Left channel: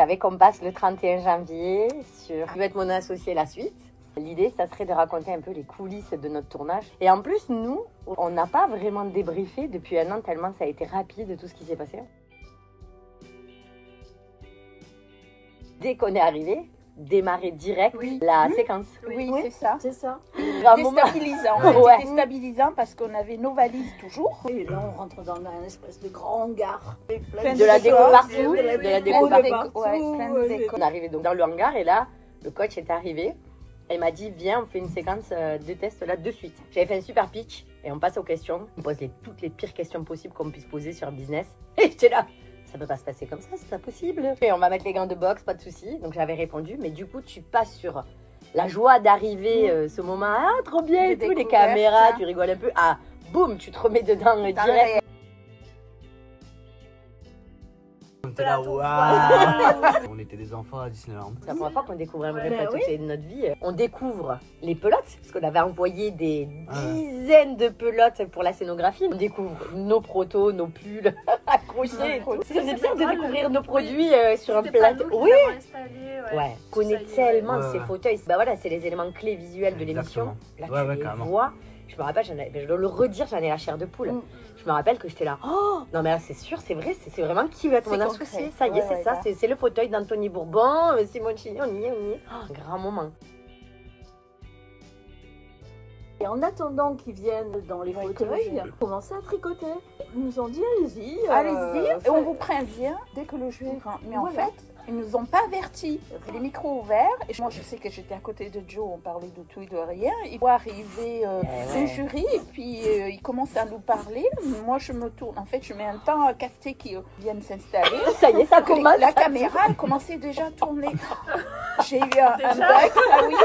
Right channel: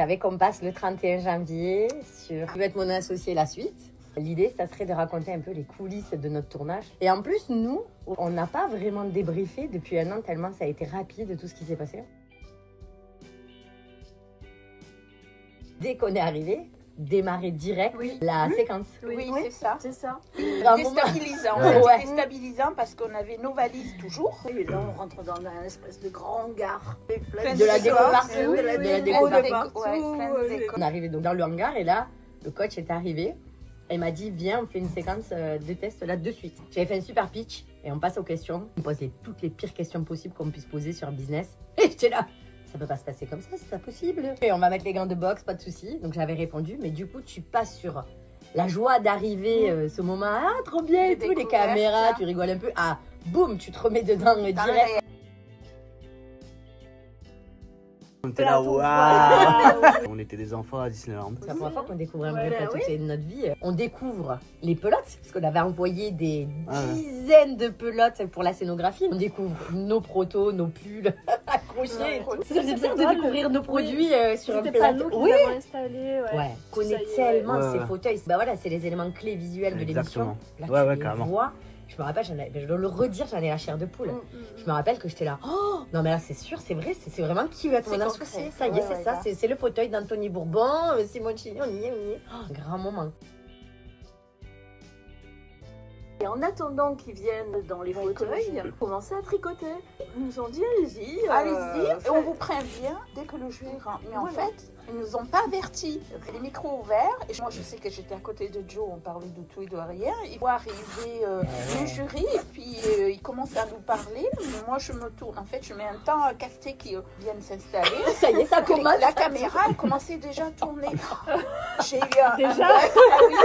savais qu'on passe le 31 janvier sur Je vais être mon associé la suite. L'idée, ça serait de raconter un peu les coulisses de notre tournage. Et en plus, nous, on n'a pas vraiment débriefé depuis un an tellement ça a été rapide tout ce qui s'est passé. Dès qu'on est arrivé, démarrer direct la séquence. Oui, c'est ça. C'est ça. Déstabilisant. C'était déstabilisant parce qu'on avait nos valises toujours. Et là, on rentre dans un espèce de grand hangar. De la déco partout. de la déco partout. On est arrivé donc dans le hangar et là, le coach est arrivé. Elle m'a dit, viens, on fait une séquence de test là de suite. J'avais fait un super pitch et on passe aux questions. On pose toutes les pires questions possibles qu'on puisse poser sur un business. Et j'étais là. Ça peut pas se passer comme ça, c'est pas possible. Et on va mettre les gants de boxe, pas de souci. Donc j'avais répondu, mais du coup tu passes sur la joie d'arriver, ce moment, ah trop bien et tout, les caméras, tu rigoles un peu, ah boum, tu te remets dedans direct. On était là, waouh. On était des enfants à Disneyland. C'est la première fois qu'on découvre un vrai plateau de notre vie. On découvre les pelotes, parce qu'on avait envoyé des dizaines de pelotes pour la scénographie. On découvre nos protos, nos pulls accrochés. Ça faisait bien de découvrir nos produits sur un plateau. Oui, on connaît tellement ces fauteuils. Bah voilà, c'est les éléments clés visuels de l'émission. Là, tu les vois. Je me rappelle, je dois le redire, j'en ai la chair de poule. Je me rappelle que j'étais là. Oh non, mais là, c'est sûr, c'est vrai, c'est vraiment qui va être mon associé. Ça y est, c'est ça, c'est le fauteuil d'Anthony Bourbon, Simone Chignon, on y est. Un grand moment. Et en attendant qu'ils viennent dans les fauteuils, commencer à tricoter. Ils nous ont dit, allez-y. Allez-y, et on vous prévient dès que le jeu est grand. Mais en fait, ils nous ont pas avertis. Les micros ouverts. Et moi, je sais que j'étais à côté de Joe, on parlait de tout et de rien. Il voit arriver le jury et puis il commence à nous parler. Moi, je me tourne. En fait, je mets un temps à capter qu'ils viennent s'installer. Ça y est, ça commence. La caméra, elle commençait déjà à tourner. J'ai eu un bug. Ah oui,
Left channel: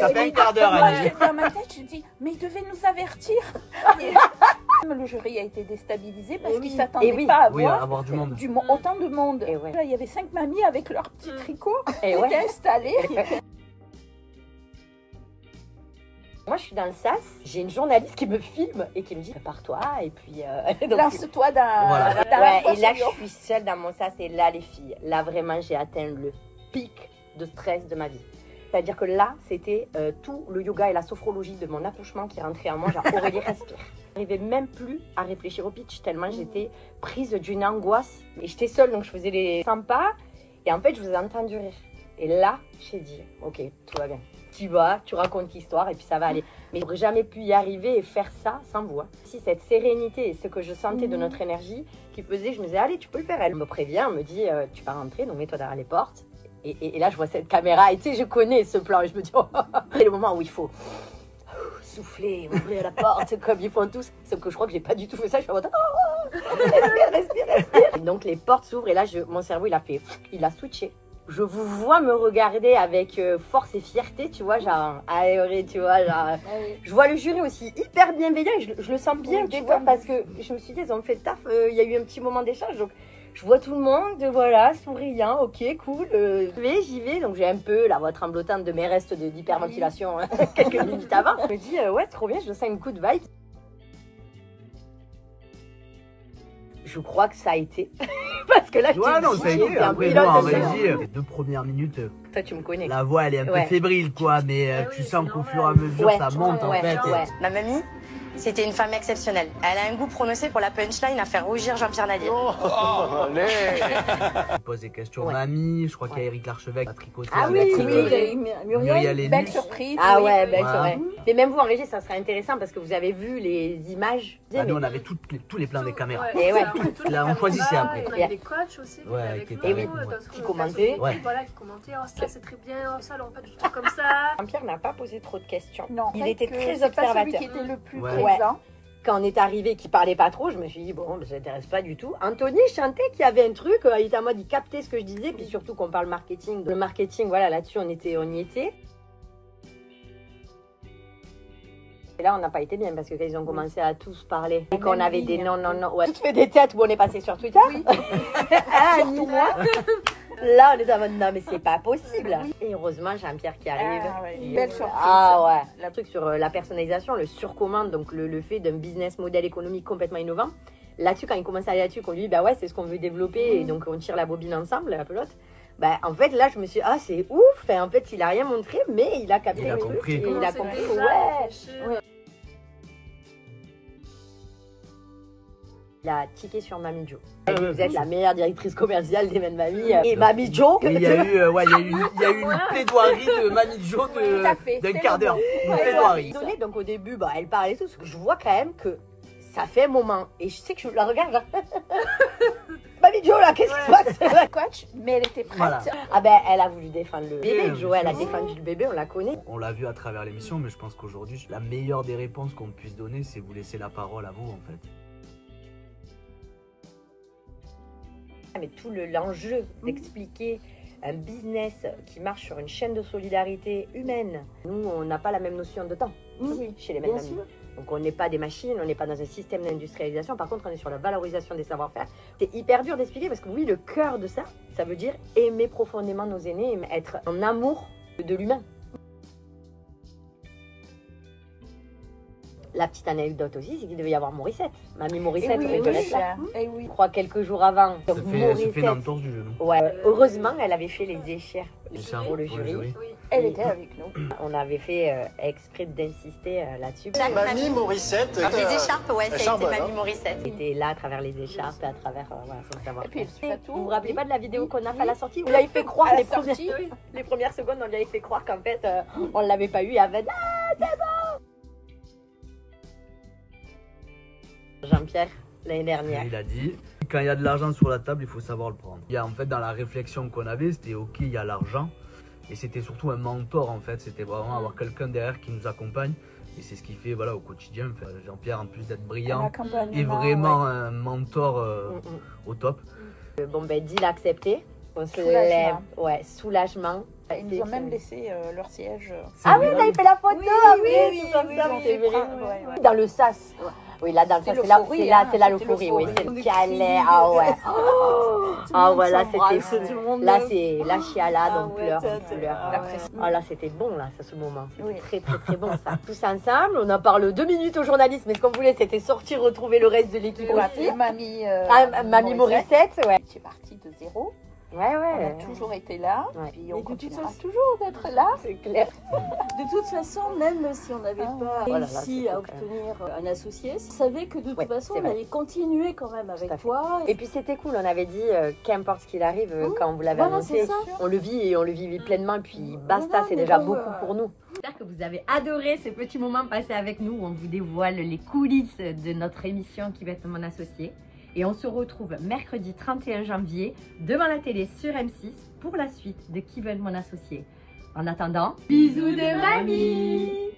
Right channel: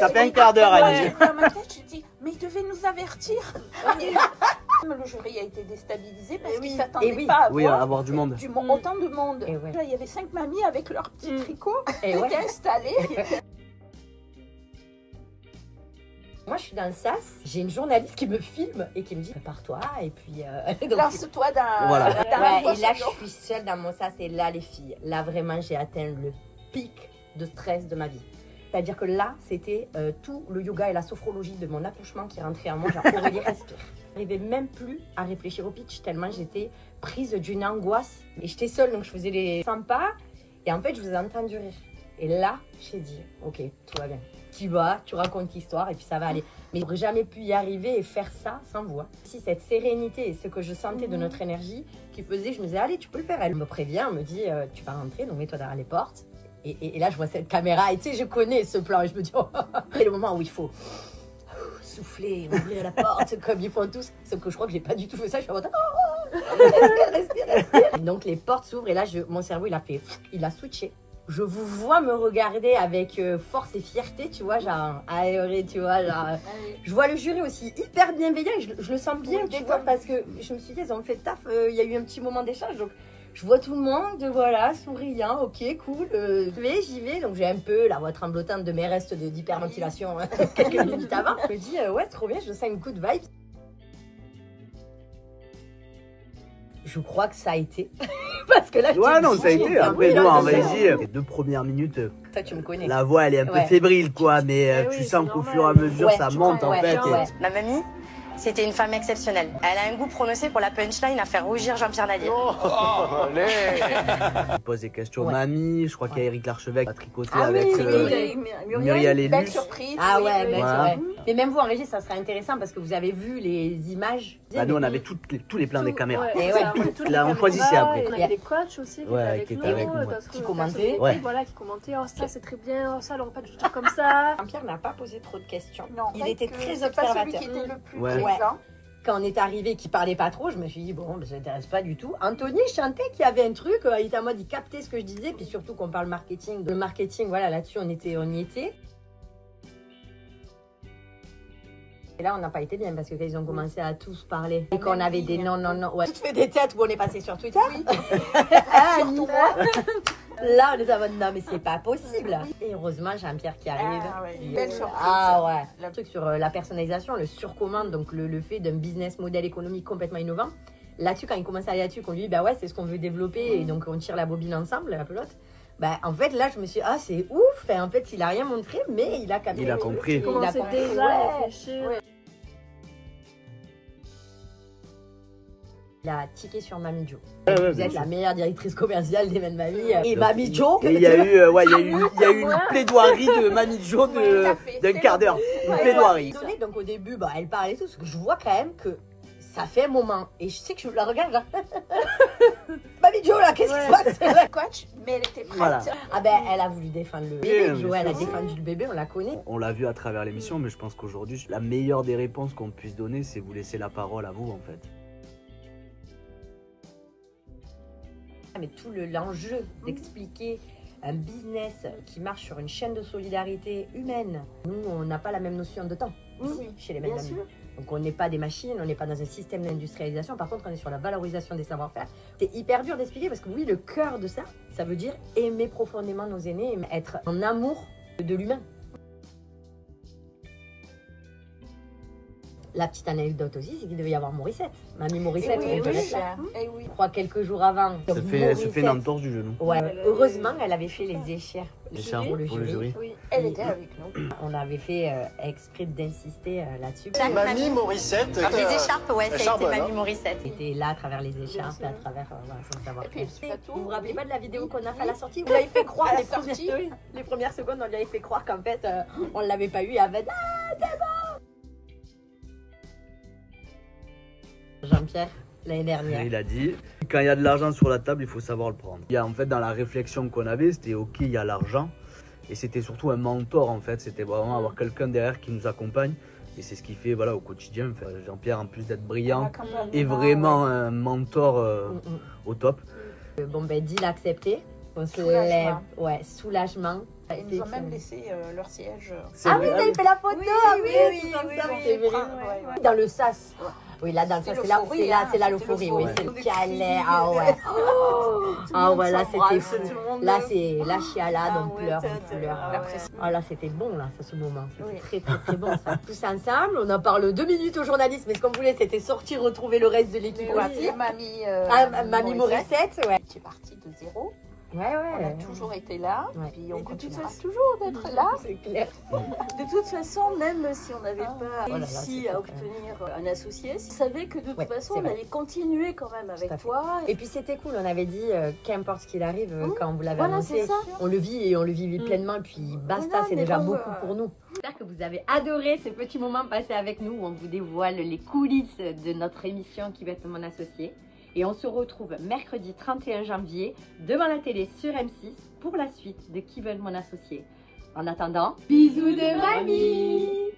Ça fait un quart d'heure à dire. Dans ma tête, je dis, mais il devait nous avertir. Le jury a été déstabilisé parce qu'il ne s'attendait pas à avoir du monde. Autant de monde. Là, il y avait 5 mamies avec leurs petits tricots qui étaient installés. Moi, je suis dans le SAS, j'ai une journaliste qui me filme et qui me dit prépare-toi et puis lance-toi dans et là, je suis seule dans mon SAS et là, les filles, là vraiment, j'ai atteint le pic de stress de ma vie. C'est-à-dire que là, c'était tout le yoga et la sophrologie de mon accouchement qui rentrait en moi, genre Aurélie respire. Je n'arrivais même plus à réfléchir au pitch tellement j'étais prise d'une angoisse. Et j'étais seule, donc je faisais les 100 pas et en fait, je vous ai entendu rire. Et là, j'ai dit, ok, tout va bien. Tu vas, tu racontes l'histoire et puis ça va aller. Mais j'aurais jamais pu y arriver et faire ça sans vous. Si cette sérénité et ce que je sentais de notre énergie qui faisait, je me disais, allez, tu peux le faire. Elle me prévient, elle me dit, tu vas rentrer, donc mets-toi derrière les portes. Et là, je vois cette caméra et tu sais, je connais ce plan et je me dis, oh, c'est le moment où il faut souffler, ouvrir la porte comme ils font tous. Sauf que je crois que j'ai pas du tout fait ça. Je suis en mode, oh, respire. Et donc, les portes s'ouvrent et là, mon cerveau, il a switché. Je vous vois me regarder avec force et fierté, tu vois, genre aéré, tu vois, genre. Je vois le jury aussi hyper bienveillant et je le sens bien, tu vois, parce que je me suis dit, ils ont fait taf, il y a eu un petit moment d'échange, donc je vois tout le monde, voilà, souriant, ok, cool, j'y vais, donc j'ai un peu la voix tremblotante de mes restes d'hyperventilation quelques minutes avant. Je me dis, ouais, trop bien, je sens une good vibe. Je crois que ça a été. Parce que là, ouais, non, ça a été. Après, bon, en régie, les 2 premières minutes, toi, tu me connais. La voix, elle est un peu fébrile, quoi, mais tu sens qu'au fur et à mesure, ça monte, en fait. Ma mamie, c'était une femme exceptionnelle. Elle a un goût prononcé pour la punchline à faire rougir Jean-Pierre Nadier. Allez. Je pose des questions mamie, je crois qu'il y a Eric Larchevêque à tricoter avec Muriel et belle surprise. Ah ouais, c'est vrai. Mais même vous en régie, ça serait intéressant parce que vous avez vu les images. Bah, nous, on avait tous les plans des caméras. Et là, on choisissait après. On avait des coachs aussi qui étaient avec nous, qui commentaient. Voilà, qui commentaient, oh ça c'est très bien, oh ça alors pas du tout comme ça. Jean-Pierre n'a pas posé trop de questions. Non, il était très observateur. Celui qui était le plus présent. Quand on est arrivé, qui parlait pas trop, je me suis dit, bon, ça n'intéresse pas du tout. Anthony chantait qu'il y avait un truc, il était en mode, il captait ce que je disais, puis surtout qu'on parle marketing. Le marketing, voilà, là-dessus, on y était. Et là, on n'a pas été bien parce que quand ils ont commencé à tous parler et qu'on avait des non. Ouais. Tu te fais des têtes où on est passé sur Twitter. Oui. Là, on est en mode non, mais c'est pas possible. Et heureusement, Jean-Pierre qui arrive. Belle surprise. Ah ouais. Le truc sur la personnalisation, le surcommande, donc le fait d'un business modèle économique complètement innovant. Là-dessus, quand il commence à aller là-dessus, qu'on lui dit, bah ouais, c'est ce qu'on veut développer et donc on tire la bobine ensemble, la pelote. Bah, en fait, là, je me suis dit, ah, c'est ouf. En fait, il a rien montré, mais il a capté. Il a compris. Il a compris. déjà Ouais. réfléchir. Il a tiqué sur Mamie Jo. Vous êtes la meilleure directrice commerciale des mêmes Mamie. Et Mamie Jo. Oui, il y a eu une plaidoirie de Mamie Jo d'un quart d'heure. Une plaidoirie. Donc au début, bah, elle parlait tout, parce que je vois quand même que ça fait un moment. Et je sais que je la regarde là. Mamie Jo là, qu'est-ce qui se passe? Coach, mais elle était prête. Voilà. Ah ben, elle a voulu défendre le bébé. Oui, Jo, elle a oui. défendu le bébé, on la connaît. On l'a vu à travers l'émission, mais je pense qu'aujourd'hui, la meilleure des réponses qu'on puisse donner, c'est vous laisser la parole à vous, en fait. Mais tout l'enjeu d'expliquer un business qui marche sur une chaîne de solidarité humaine. Nous, on n'a pas la même notion de temps chez les mêmes bien amis. sûr. Donc on n'est pas des machines, on n'est pas dans un système d'industrialisation. Par contre, on est sur la valorisation des savoir-faire. C'est hyper dur d'expliquer parce que oui, le cœur de ça, ça veut dire aimer profondément nos aînés, être en amour de l'humain. La petite anecdote aussi, c'est qu'il devait y avoir Morissette. Mamie Morissette, oui, on oui, connaît ça. Eh oui. Je crois quelques jours avant. Ça Donc, fait une entorse du genou. Ouais, heureusement, elle avait fait les écharpes pour le Pour le jury. Oui. Elle était avec nous. On avait fait exprès d'insister là-dessus. Mamie Morissette. Les écharpes, ouais, ça a été charbonne, Mamie hein. Morissette. Elle était là à travers les écharpes, à travers son savoir. Et puis, Vous vous rappelez pas de la vidéo qu'on a fait à la sortie? On lui avait fait croire À la les premières secondes, on lui avait fait croire qu'en fait, on l'avait pas eu. Avec Jean-Pierre, l'année dernière. Il a dit, quand il y a de l'argent sur la table, il faut savoir le prendre. Il y a en fait dans la réflexion qu'on avait, c'était ok, il y a l'argent. Et c'était surtout un mentor en fait, c'était vraiment avoir quelqu'un derrière qui nous accompagne. Et c'est ce qui fait voilà, au quotidien, enfin, Jean-Pierre en plus d'être brillant, est vraiment un mentor au top. Bon ben, Deal accepté. On se lève. Ouais, soulagement. Ils nous ont même laissé leur siège. Ah oui, on avait fait la photo. oui, comme oui, ça, oui, c'est oui, vrai. ouais, ouais. Dans le sas. Oui, là, dans le sas, c'est là l'euphorie. Oui, c'est le câlin. Ah ouais. Ah ouais, là, c'était fou. Là, c'est la chialade, on pleure, on pleure. Ah là, c'était bon, là, ce moment. C'était très, très bon, ça. Tous ensemble, on en parle 2 minutes aux journalistes, mais ce qu'on voulait, c'était sortir, retrouver le reste de l'équipe aussi. Mamie Morissette, ouais. Tu es partie de zéro. Ouais, On ouais. a toujours été là. Ouais. Puis on Et de toute continuera façon- toujours d'être là. C'est clair. De toute façon, même si on n'avait pas Voilà, réussi c'était à quand obtenir un associé, on savait que de toute Ouais, façon, c'est on vrai. allait continuer quand même avec Tout à fait. toi. Et puis c'était cool, on avait dit qu'importe ce qu'il arrive, quand vous l'avez Voilà, annoncé, c'est ça. on le vit et on le vit pleinement, et puis basta, Voilà, c'est mais déjà bon, beaucoup pour nous. J'espère que vous avez adoré ces petits moments passés avec nous, où on vous dévoile les coulisses de notre émission qui va être Mon Associé. Et on se retrouve mercredi 31 janvier devant la télé sur M6 pour la suite de Qui veut être mon associé. En attendant, bisous de mamie!